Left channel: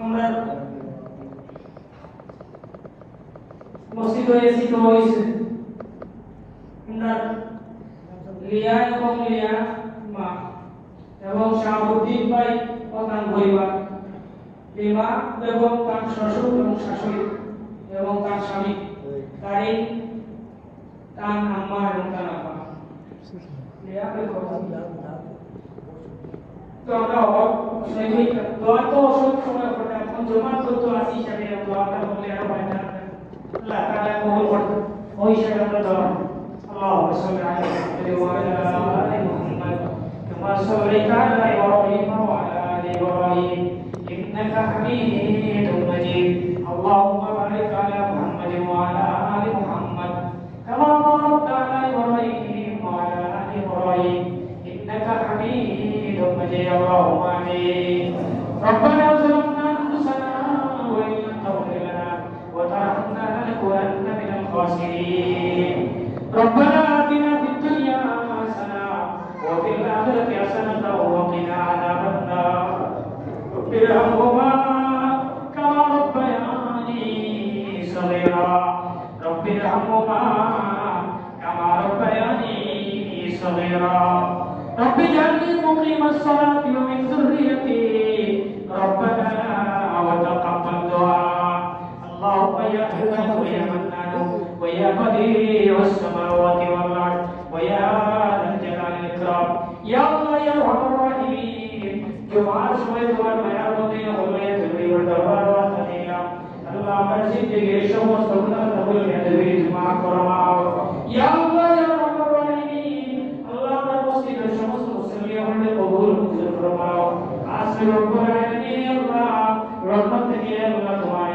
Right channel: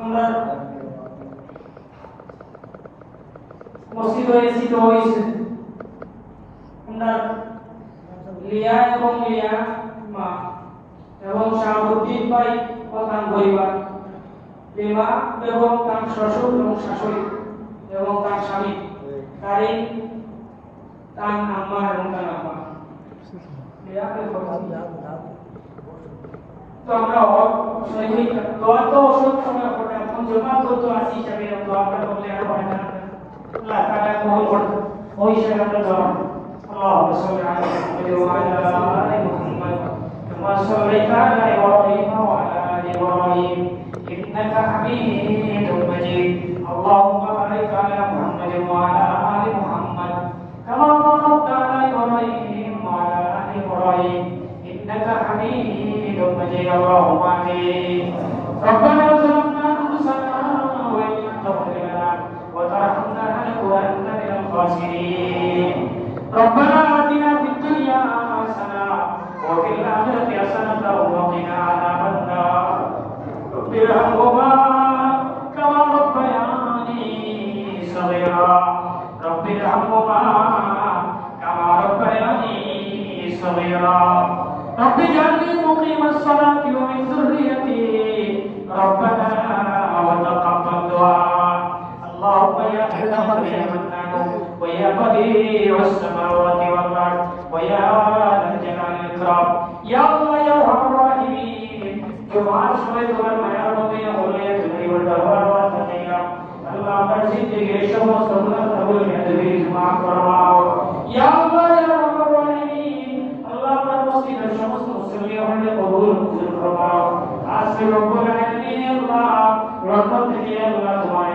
আমরা মসজিদ হয়েছি তো হয়েছে আমরা লিয়া এবং লিয়া মা এবং শাহাবুদ্দিন ভাই ও তার পরিবার লিমা এবং তার শ্বশুর এবং শাশুড়ি এবং তার স্বামী তারই তার আম্মা এবং তার আব্বা তো আমরা শৈবিক দোয়া তো ওষুধ সময় পড়ে এখন জমাত করতে আসি হিসাবে দোয়াটা করলে আর হয় না আল্লাহ তাআলা কবুল করতে ওই হিসাবে আমরা দোয়া اللهم صل على محمد وعلى ال محمد كما صليت على ابراهيم وعلى ال ابراهيم انك حميد مجيد اللهم بارك على محمد وعلى ال محمد كما باركت على ابراهيم وعلى ال ابراهيم انك حميد مجيد اللهم امين ربنا ظلمنا انفسنا وان لم تغفر لنا وترحمنا لنكونن من الخاسرين ربنا آتنا في الدنيا حسنة وفي الآخرة حسنة وقنا عذاب النار رب ارحمهما كما ربياني صغيرا رب ارحمهما كما ربياني صغيرا رب اجعلني مقيم الصلاة ومن ذريتي ربنا وتقبل دعاء اللهم يا ويا بديع السماوات والارض ويا ذا الجلال والاكرام يا الله يا ارحم الراحمين جمعة شوية والمياه وضيع ولية الدنيا والدوار والتقية الله مسجد جيش ومصطفى تقول بأدبي جمعة فرماه يا الله يا ارحم الراحمين الله مسجد الشمس مسلمية وعند قبول مسلم فرماه عسى رب العالمين الله رحمتك يا الله تمام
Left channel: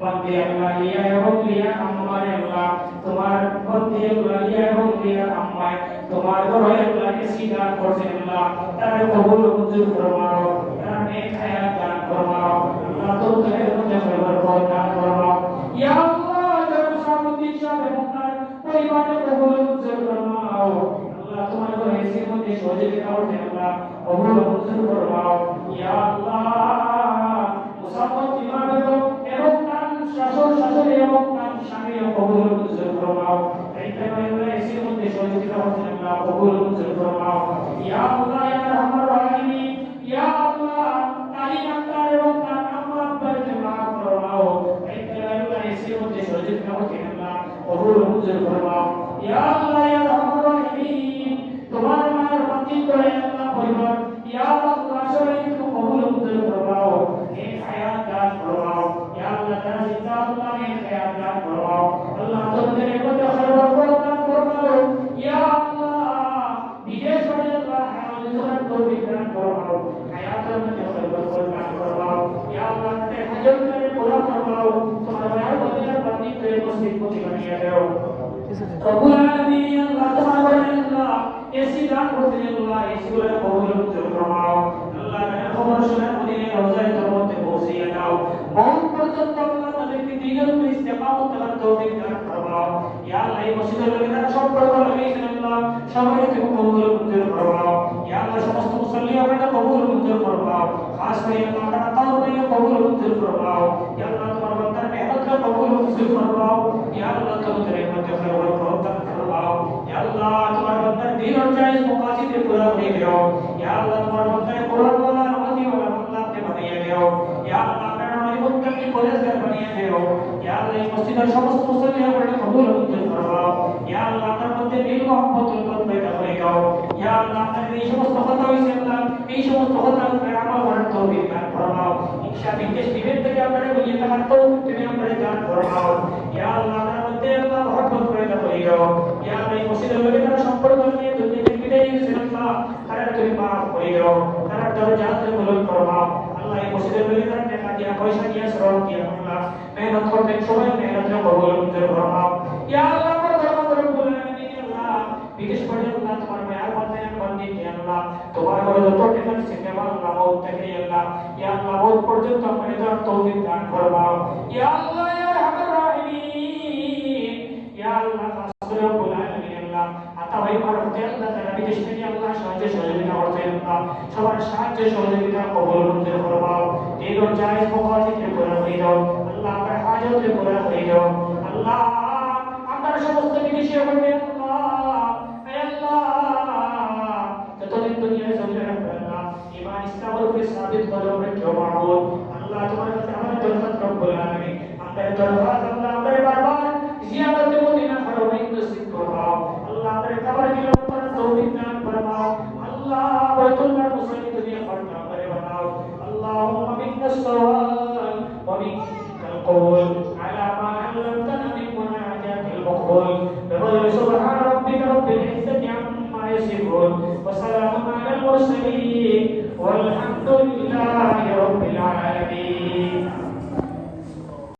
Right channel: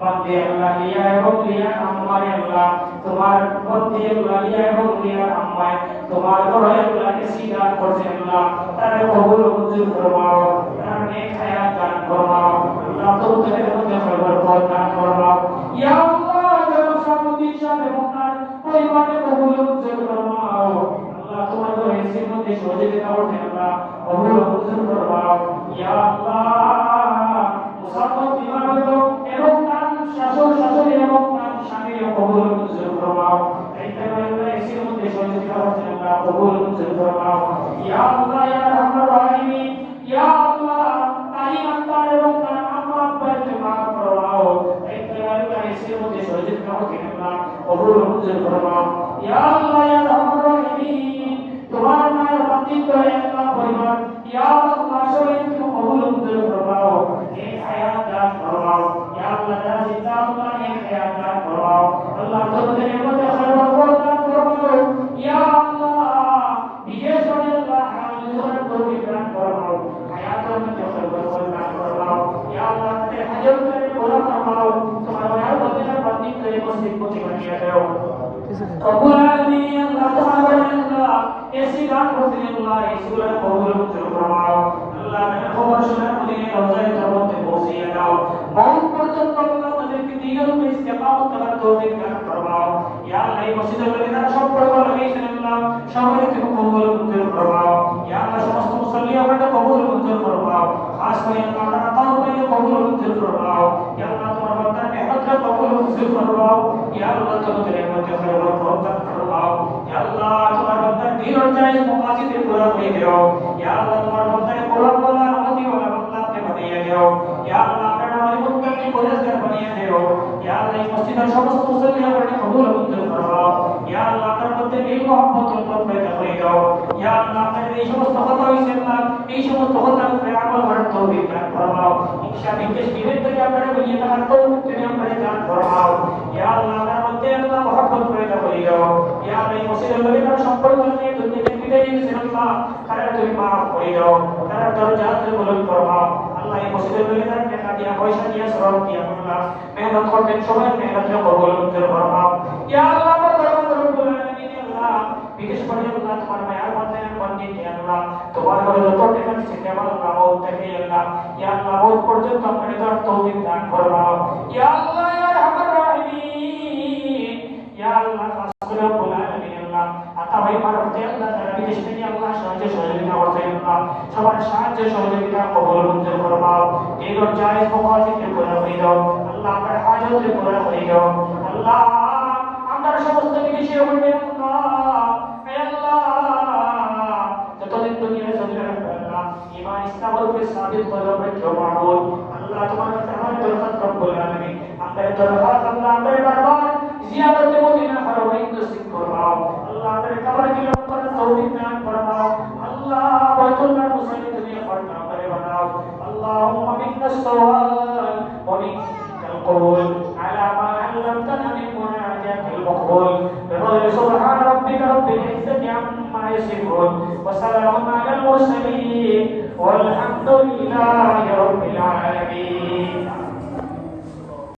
বান্দে আল্লাহ লিয়া এবং লিয়া আমায় আল্লাহ তোমার বন্দে আল্লাহ লিয়া এবং লিয়া আমায় তোমার ঘরে আল্লাহ সিদা করছে আল্লাহ তারে কবুল মঞ্জুর ফরমাও তার নেক হায়াত দান ফরমাও আল্লাহ তোমাদের মধ্যে সর্বপর দান ফরমাও ইয়া আল্লাহ যারা সমুদ্র সাথে মহান পরিমাণে কবুল মঞ্জুর ফরমাও আল্লাহ তোমার ঘরে সির মধ্যে সহযোগিতা করতে আল্লাহ কবুল মঞ্জুর ফরমাও ইয়া আল্লাহ মুসাফির বিমান এবং শাসন শাসন এবং স্বামী কবুল মঞ্জুর ফরমাও এইভাবে এসে মধ্যে সহযোগিতা করতে আল্লাহ কবুল মঞ্জুর ফরমাও ইয়া আল্লাহ ইয়া রাহমানুর রহিম ইয়া আল্লাহ তালিম আল্লাহ এবং তার আম্মা আব্বাকে মাফ ফরমাও এইভাবে এসে মধ্যে সহযোগিতা করতে আল্লাহ কবুল মঞ্জুর ফরমাও ইয়া আল্লাহ ইয়া রাহমানুর রহিম তোমার মায়ের বান্দি করে আল্লাহ পরিবার ইয়া আল্লাহ সবাইকে কবুল মঞ্জুর ফরমাও এই হায়াত দান ফরমাও ইয়া আল্লাহ যারা চিন্তা ভাবনা নিয়ে হায়াত দান ফরমাও আল্লাহ তোমাদের মধ্যে সর্বপ্রথম দান ফরমাও ইয়া আল্লাহ বিদেশ থেকে আল্লাহ আমাদের জন্য তৌফিক দান ফরমাও হায়াতের মধ্যে সর্বপ্রথম দান ফরমাও ইয়া আল্লাহ তে হাজত করে কবুল ফরমাও তোমার মায়ের মধ্যে বান্দি করে মুসলিম প্রতি বানিয়ে দাও রব্বুল আলামিন আল্লাহ তোমার আল্লাহ এসি দান করতে আল্লাহ এই সূরা কবুল মঞ্জুর ফরমাও আল্লাহ খবর শুনে আমাদের রোজায় মধ্যে পৌঁছে দাও बहुत পর্যন্ত আল্লাহ তাদেরকে দিনের উপর ইস্তেকামত করার তৌফিক দান ফরমাও ইয়া আল্লাহ এই মসজিদে বলিনা সব পড়বা লাগাইছেন আল্লাহ সবাইকে কবুল মঞ্জুর ফরমাও ইয়া আল্লাহ সমস্ত মুসল্লি আমাদের কবুল মঞ্জুর ফরমাও খাস করে আল্লাহ তাআলাকে কবুল মঞ্জুর ফরমাও ইয়া আল্লাহ তোমার বান্দার মেহনতকে কবুল মঞ্জুর ফরমাও ইয়া আল্লাহ তোমাদের মধ্যে সর্বপ্রথম দান ফরমাও ইয়া আল্লাহ তোমার বান্দার দিন অনুযায়ী মুকাসিদে পুরা করে দাও ইয়া আল্লাহ তোমার বান্দার কোরআন বলা আমাদের ওয়ালা বান্দাকে বানিয়ে দাও ইয়া আল্লাহ हमारे मुत्तकी परहेजगार बनिए दियो या अल्लाह इस मस्जिद और समस्त मुसल्लियों को कबूल मंजूर फरमाओ या अल्लाह তার মধ্যে মিল मोहब्बत উৎপন্ন पैदा করে দাও या अल्लाह আমাদের এই সমস্ত কথা হইছে না এই সমস্ত কথার উপরে আমল করার তৌফিক দান ফরমাও ইনশাআল্লাহ এই জীবন থেকে আমরা বলিয়ে থাকার তৌফিক তুমি আমাদের দান ফরমাও या अल्लाह তার মধ্যে আল্লাহ मोहब्बत पैदा করে দাও या अल्लाह এই মসজিদের মধ্যে সম্পর্ক নিয়ে দুনিয়াতে বিদায় দিয়েছেন আল্লাহ তারা তুমি maaf করে দাও তারা দরজাতে বুলন্দ ফরমাও আল্লাহ এই মসজিদের মধ্যে টাকা দিয়া পয়সা দিয়া সরল দিয়া আল্লাহ মেহনত করবেন সবাই মেহনত কবুল মঞ্জুর ফরমাও ইয়া আল্লাহ রব্বুল আলামিন আল্লাহ বিদেশ পর্যন্ত তোমার মায়ার মধ্যে বন্দি দিয়া আল্লাহ তোমার ঘরে যত টাকা থেকে আল্লাহ ও থেকে আল্লাহ ইয়া আল্লাহ ও পর্যন্ত আপনাদের তৌফিক দান ফরমাও ইয়া আল্লাহ ইয়া রাহমান রহিম ইয়া আল্লাহ রব্বুল আলামিন আল্লাহ আতাবাই পারতে আল্লাহ তারা বিদেশ থেকে আল্লাহ সহজে সহযোগিতা করতে আল্লাহ সবার সাহায্য সহযোগিতা কবুল মঞ্জুর ফরমাও দিলর জায়েজ মওয়াজিবকে পুরা করে দাও আল্লাহ আমার হাজতকে পুরা করে দাও আল্লাহ আমার সমস্ত জিনিসে বলবে আল্লাহ হে আল্লাহ যতদিন দুনিয়ায় জমিনে রাখবে আল্লাহ ঈমান ইসলামের উপরে সাবিত করো বেটো মাবুদ আল্লাহ তোমার কাছে আমাদের দরখাস্ত কবুল আলামিন আমাদের দরখাস্ত আল্লাহ আমাদের দরবার জিয়ারত মদিনা হারমাইন নসিব ফরমাও আল্লাহ আমাদের কবর কি লম্বা তৌফিক দান ফরমাও আল্লাহ বাইতুল্লাহ মুসল্লি দুনিয়া পড়না করে বানাও اللهم منك السؤال ومنك القبول على ما علمتنا من مناجاة المقبول بفضل سبحان ربك رب العزة عما يصفون وسلام على المرسلين والحمد لله رب العالمين